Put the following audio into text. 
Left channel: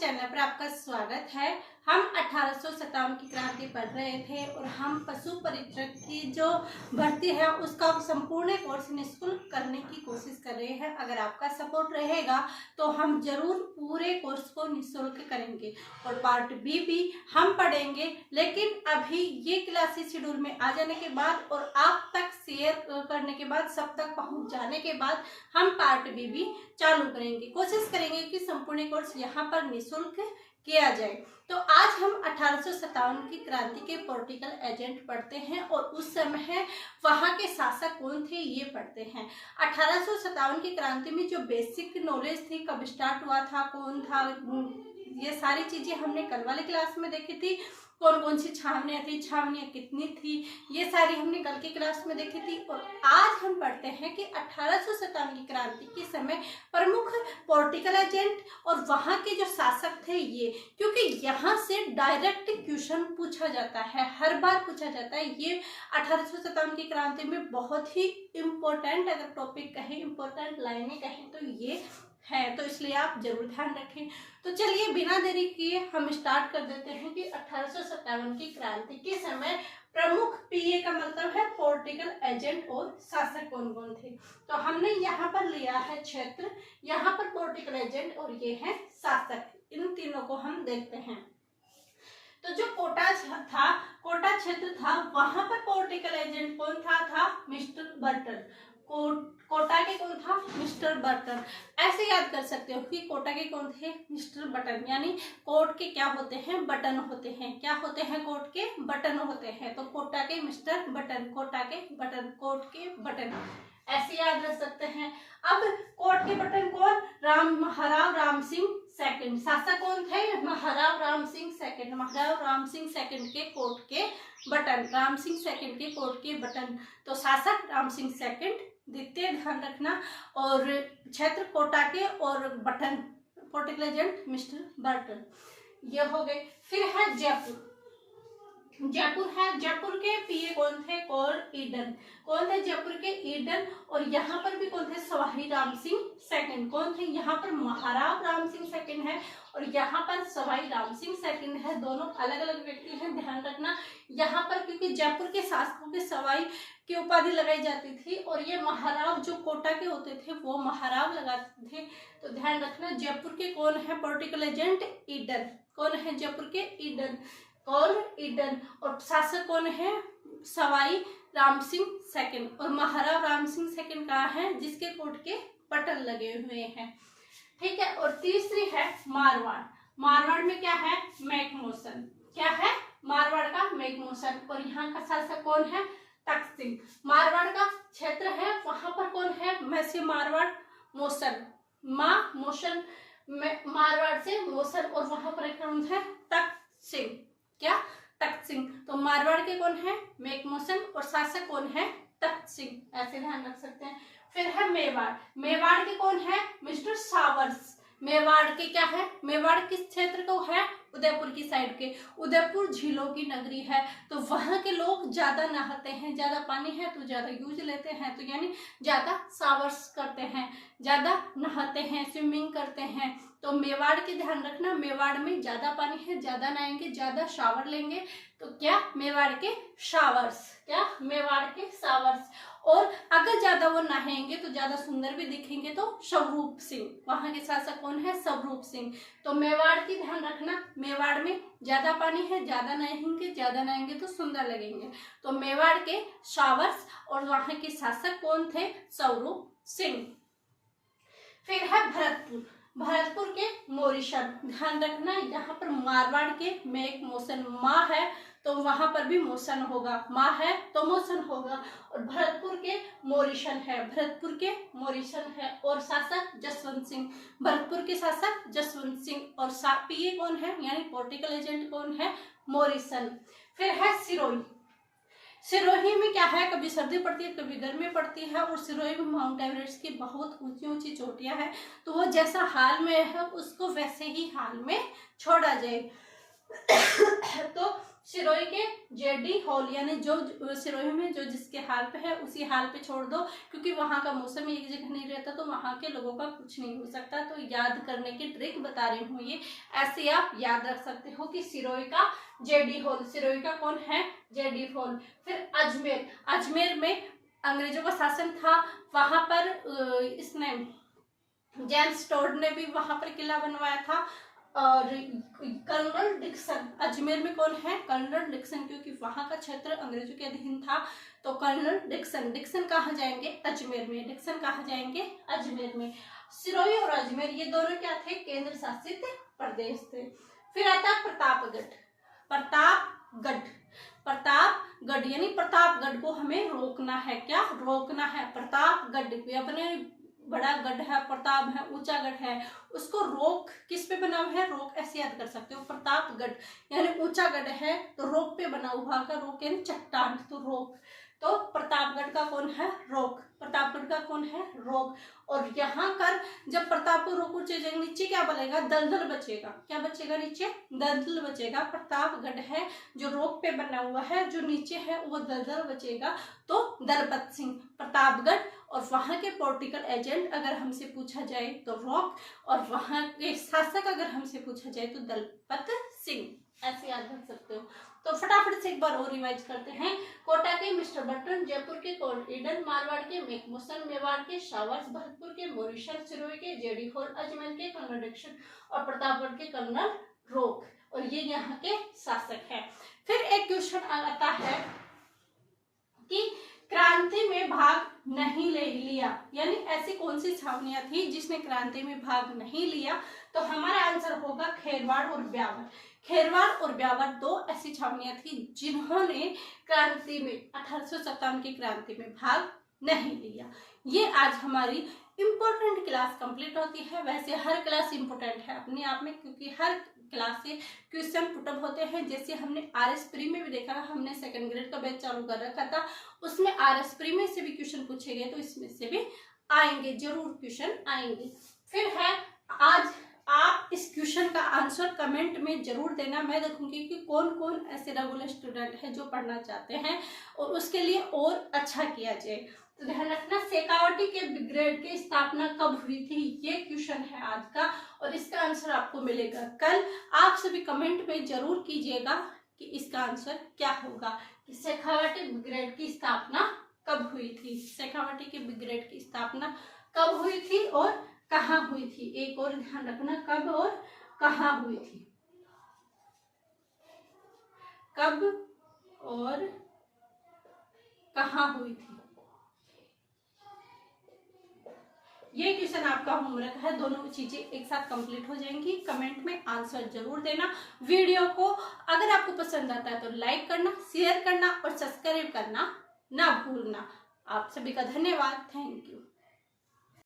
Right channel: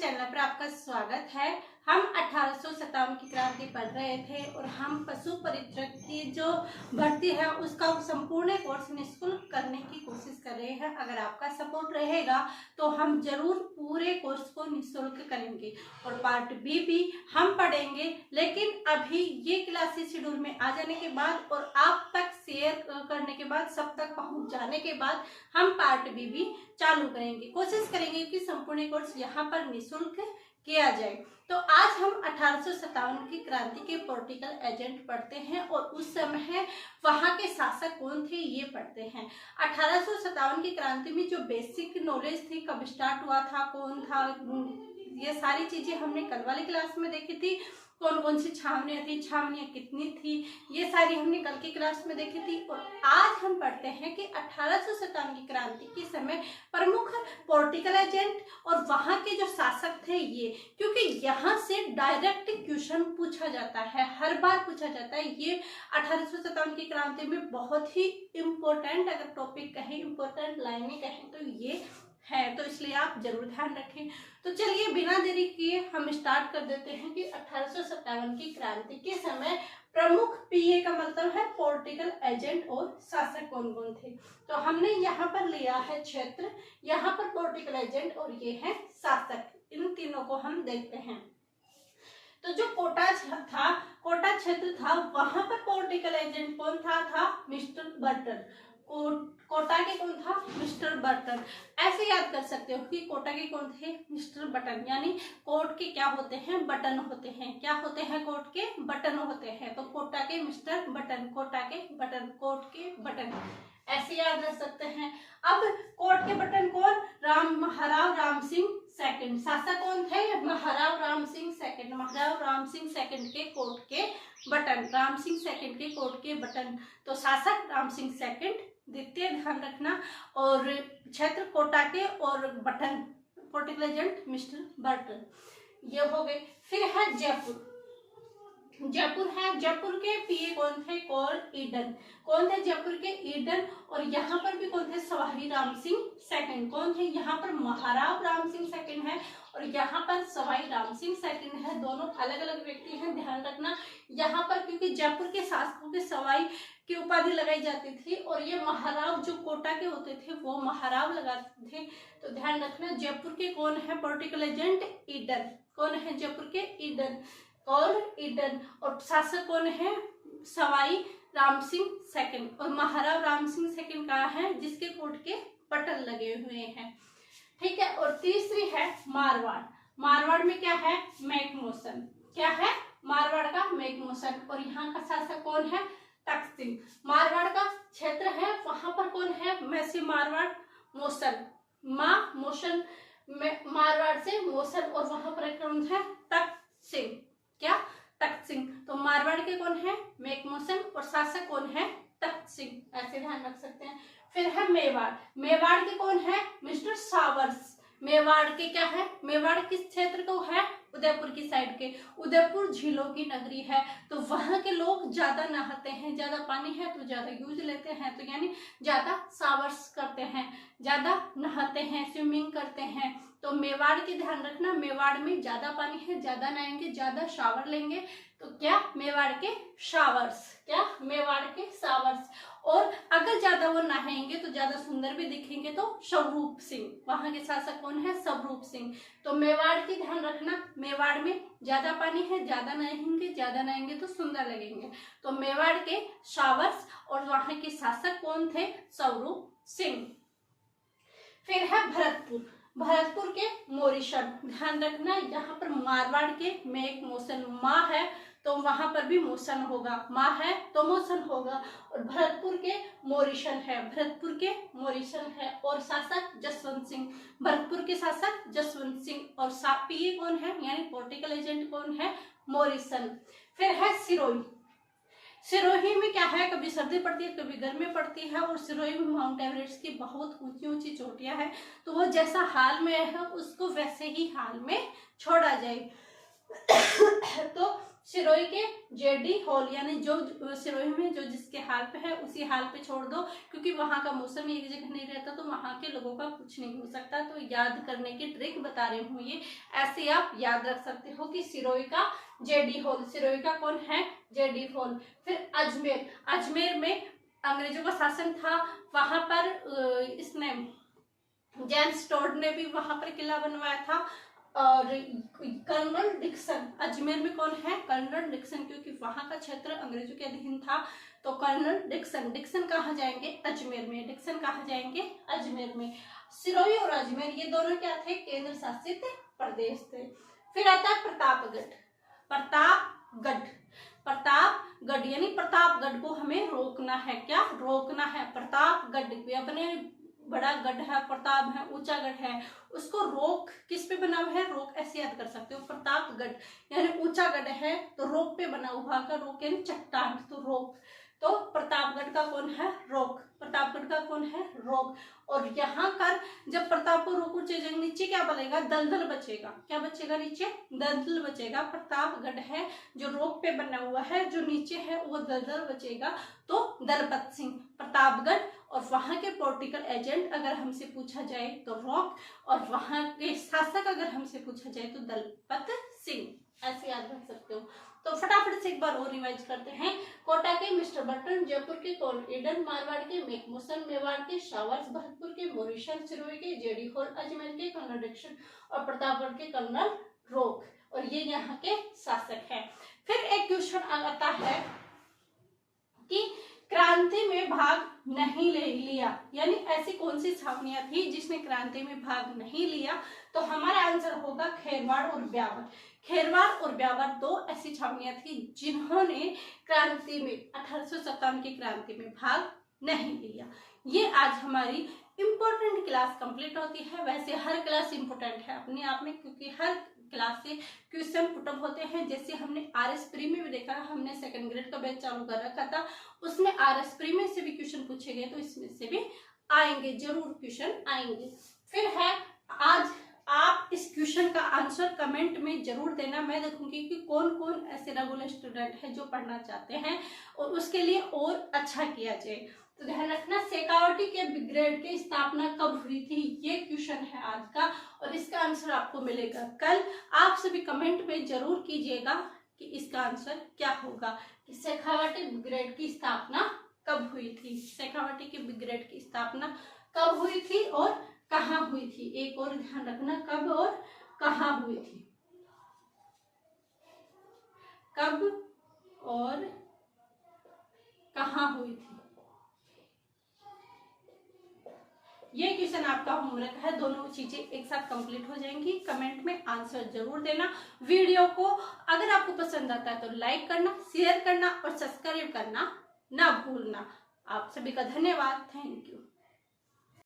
Channel पर आपका स्वागत है। हम 1857 की क्रांति पढ़ रहे थे और हम पशु परिचर्यक की जो भर्ती है उसका संपूर्ण कोर्स निःशुल्क करने की कोशिश कर रहे हैं। अगर आपका सपोर्ट रहेगा तो हम जरूर पूरे कोर्स को निःशुल्क करेंगे और पार्ट बी भी हम पढ़ेंगे, लेकिन अभी ये क्लासी शेड्यूल में आ जाने के बाद और आप तक शेयर करने के बाद, सब तक पहुंच जाने के बाद हम पार्ट बी भी चालू करेंगे। कोशिश करेंगे कि संपूर्ण कोर्स यहाँ पर निःशुल्क किया जाए। तो आज हम 1857 की क्रांति के पॉलिटिकल एजेंट पढ़ते हैं और उस समय वहां के शासक कौन थे ये पढ़ते हैं। 1857 की क्रांति में जो बेसिक नॉलेज थी, कब स्टार्ट हुआ था, कौन था, ये सारी चीजें हमने कल वाली क्लास में देखी थी। कौन कौन सी छावनियां थी, छावनियां कितनी थी, ये सारी हमने कल की क्लास में देखी थी। और आज हम पढ़ते हैं कि 1857 की क्रांति के समय प्रमुख पॉलिटिकल एजेंट और वहां के जो शासक थे ये, क्योंकि यहाँ से डायरेक्ट क्वेश्चन पूछा जाता है, हर बार पूछा जाता है। ये 1857 की क्रांति में बहुत ही इम्पोर्टेंट, अगर टॉपिक कहें, इम्पोर्टेंट लाइनें कहें तो ये है, तो इसलिए आप जरूर ध्यान रखें। तो चलिए बिना देरी किए हम स्टार्ट कर देते हैं कि 1857 की क्रांति के समय प्रमुख, पीए का मतलब है पॉलिटिकल एजेंट और शासक कौन कौन थे। तो हमने यहाँ पर लिया है क्षेत्र, यहाँ पर पॉलिटिकल एजेंट और ये है शासक, इन तीनों को हम देखते हैं। तो जो कोटा था, कोटा क्षेत्र था, वहां पर पॉलिटिकल एजेंट कौन था मिस्टर बर्टन। कोटा के कौन था, मिस्टर बर्टन। ऐसे याद कर सकते हो कि कोटा के कौन थे, मिस्टर बटन। यानी कोट के क्या होते हैं, बटन होते हैं। क्या होते हैं, कोट के बटन होते हैं। तो कोटा के मिस्टर बटन, कोटा के बटन, कोट के बटन, ऐसे याद रख सकते हैं। अब कोट के बटन कौन, महाराव राम सिंह सेकंड। शासक कौन थे, महाराव राम सिंह सेकंड। महाराव राम सिंह सेकंड के कोट के बटन, राम सिंह सेकंड के कोट के बटन। तो शासक राम सिंह सेकंड, द्वितीय ध्यान रखना, और क्षेत्र कोटा के और button political agent mister Burton, ये हो गए। फिर है जयपुर। जयपुर है, जयपुर के पीए कौन थे, कॉल ईडन। कौन थे जयपुर के, ईडन। और यहाँ पर भी कौन थे, सवाई राम सिंह सेकंड। कौन थे, यहाँ पर महाराव राम सिंह सेकंड है और यहाँ पर सवाई राम सिंह सेकंड है। दोनों अलग अलग व्यक्ति हैं, ध्यान रखना। यहाँ पर क्योंकि जयपुर के शासकों के सवाई की उपाधि लगाई जाती थी और ये महाराव जो कोटा के होते थे वो महाराव लगाते थे, तो ध्यान रखना। जयपुर के कौन है पॉलिटिकल एजेंट, ईडन। कौन है जयपुर के, ईडन और ईडन। और शासक कौन है, सवाई राम सिंह सेकंड। और महाराव राम सिंह सेकंड कहाँ है, जिसके कोट के बटन लगे हुए हैं, ठीक है। और तीसरी है मारवाड़। मारवाड़ में क्या है, मैकमोहन। क्या है, मारवाड़ का मैकमोहन। और यहाँ का शासक कौन है, तख्त सिंह। मारवाड़ का क्षेत्र है, वहां पर कौन है, मैसे मारवाड़ मोशन, माँ मोशन, मारवाड़ से मोशन, और वहां पर कौन है, तख्त सिंह। क्या, तख्त सिंह। तो मारवाड़ के कौन है, मैकमोहन, और शासक कौन है, तख्त सिंह, ऐसे ध्यान रख सकते हैं। फिर है मेवाड़। मेवाड़ के कौन है, मिस्टर सावर्स। मेवाड़ के क्या है, मेवाड़ किस क्षेत्र को है, उदयपुर की साइड के। उदयपुर झीलों की नगरी है, तो वहां के लोग ज्यादा नहाते हैं, ज्यादा पानी है तो ज्यादा यूज लेते हैं, तो यानी ज्यादा शावर्स करते हैं, ज्यादा नहाते हैं, स्विमिंग करते हैं। तो मेवाड़ की ध्यान रखना, मेवाड़ में ज्यादा पानी है, ज्यादा नहाएंगे, ज्यादा शावर लेंगे, तो क्या, मेवाड़ के शावर्स। क्या, मेवाड़ के शावर्स। और अगर ज्यादा वो नहाएंगे तो ज्यादा सुंदर भी दिखेंगे, तो स्वरूप सिंह। वहां के शासक कौन है, स्वरूप सिंह। तो मेवाड़ की ध्यान रखना, मेवाड़ में ज्यादा पानी है, ज्यादा नहाएंगे तो सुंदर लगेंगे, तो मेवाड़ के शावर्स। और वहां के शासक कौन थे, स्वरूप सिंह। फिर है भरतपुर। भरतपुर के मोरिशन, ध्यान रखना, यहाँ पर मारवाड़ के मैकमोहन, माँ है तो वहां पर भी मोशन होगा, माँ है तो मोशन होगा। और भरतपुर के मोरिशन है, भरतपुर के मोरिशन है। और शासक जसवंत सिंह, भरतपुर के शासक जसवंत सिंह। और पीए कौन है, यानी पॉलिटिकल एजेंट कौन है, मोरिशन। फिर है सिरोही। सिरोही में क्या है, कभी सर्दी पड़ती है कभी गर्मी पड़ती है, और सिरोही में माउंट एवरेस्ट की बहुत ऊंची ऊंची चोटियां हैं, तो वो जैसा हाल में है उसको वैसे ही हाल में छोड़ा जाए। तो सिरोही के जेडी हॉल, यानी जो सिरोही में जो जिसके हाल पे है उसी हाल पे छोड़ दो, क्योंकि वहां का मौसम एक जगह नहीं रहता तो वहां के लोगों का कुछ नहीं हो सकता। तो याद करने की ट्रिक बता रही हूँ ये, ऐसे आप याद रख सकते हो कि सिरोही का जेडी हॉल, सिरोही का कौन है, जेडी हॉल। फिर अजमेर, अजमेर में अंग्रेजों का शासन था, वहां पर इसने जेम्स टोड ने भी वहां पर किला बनवाया था। और कर्नल डिक्सन, अजमेर में कौन है, कर्नल डिक्सन, क्योंकि वहां का क्षेत्र अंग्रेजों के अधीन था। तो कर्नल डिक्सन, डिक्सन कहाँ जाएंगे, अजमेर में, डिक्सन कहाँ जाएंगे, अजमेर में। सिरोही और अजमेर ये दोनों क्या थे, केंद्र शासित प्रदेश थे। फिर आता है प्रतापगढ़, प्रतापगढ़, प्रतापगढ़ यानी प्रतापगढ़ को हमें रोकना है, क्या रोकना है, प्रतापगढ़ अपने बड़ा गढ़ है, प्रताप है, ऊंचा गढ़ है, उसको रोक किस पे बना हुआ है, रोक ऐसे याद कर सकते हो, प्रतापगढ़ यानी ऊंचा गढ़ है तो रोक पे बना हुआ का, रोक यानी चट्टान, तो रोक। तो प्रतापगढ़ का कौन है, रोक, प्रतापगढ़ का कौन है, रोक। और यहाँ कर जब प्रताप को रोक ऊंचे जाएंगे, नीचे क्या बनेगा, दलदल बचेगा, क्या बचेगा, नीचे दलदल बचेगा। प्रतापगढ़ है जो रोक पे बना हुआ है, जो नीचे है वो दलदल बचेगा, तो दलपत सिंह, प्रतापगढ़। और वहां के पॉलिटिकल एजेंट अगर हमसे पूछा जाए तो रॉक, और वहां के शासक अगर हमसे पूछा जाए तो दलपत सिंह, ऐसे याद रख सकते हो। तो फटाफट से एक बार और रिवाइज करते हैं। कोटा के मिस्टर बर्टन, जयपुर के कॉन्फिडेंट, मारवाड़ के मेकमोसन, मेवाड़ के शावर्स, भरतपुर के मोरिशन, सिरोही के जेडी हॉल, अजमेर के कर्नल डिक्सन और प्रतापगढ़ के कर्नल रोक, और ये यहाँ के शासक है। फिर एक क्वेश्चन आता है कि क्रांति में भाग नहीं ले लिया, यानी ऐसी कौन सी छावनियां थी जिसने क्रांति में भाग नहीं लिया। तो हमारा आंसर होगा खेरवाड़ और ब्यावर। खेरवाड़ और ब्यावर दो ऐसी छावनियां थी जिन्होंने क्रांति में 1857 की क्रांति में भाग नहीं लिया। ये आज हमारी इम्पोर्टेंट क्लास कंप्लीट होती है। वैसे हर क्लास इम्पोर्टेंट है अपने आप में, क्योंकि हर क्लास से क्वेश्चन पुटअप होते हैं। जैसे हमने आरएस प्री में भी देखा, हमने सेकंड ग्रेड का बैच चालू कर रखा था, उसमें आरएस प्री में से भी क्वेश्चन पूछे गए, तो इसमें से भी आएंगे, जरूर क्वेश्चन आएंगे। फिर है आज आप इस क्वेश्चन का आंसर कमेंट में जरूर देना, मैं देखूंगी कि कौन कौन ऐसे रेगुलर स्टूडेंट है जो पढ़ना चाहते हैं और उसके लिए और अच्छा किया जाए। तो ध्यान रखना, शेखावटी के ब्रिगेड की स्थापना कब हुई थी, ये क्वेश्चन है आज का, और इसका आंसर आपको मिलेगा कल। आप सभी कमेंट में जरूर कीजिएगा कि इसका आंसर क्या होगा, कि शेखावटी ब्रिगेड की स्थापना कब हुई थी, शेखावटी के ब्रिगेड की स्थापना कब हुई थी और कहाँ हुई थी। एक और ध्यान रखना, कब और कहाँ हुई थी, कब और कहाँ हुई थी। ये क्वेश्चन आपका होमवर्क है, दोनों चीजें एक साथ कंप्लीट हो जाएंगी। कमेंट में आंसर जरूर देना। वीडियो को अगर आपको पसंद आता है तो लाइक करना, शेयर करना और सब्सक्राइब करना ना भूलना। आप सभी का धन्यवाद, थैंक यू।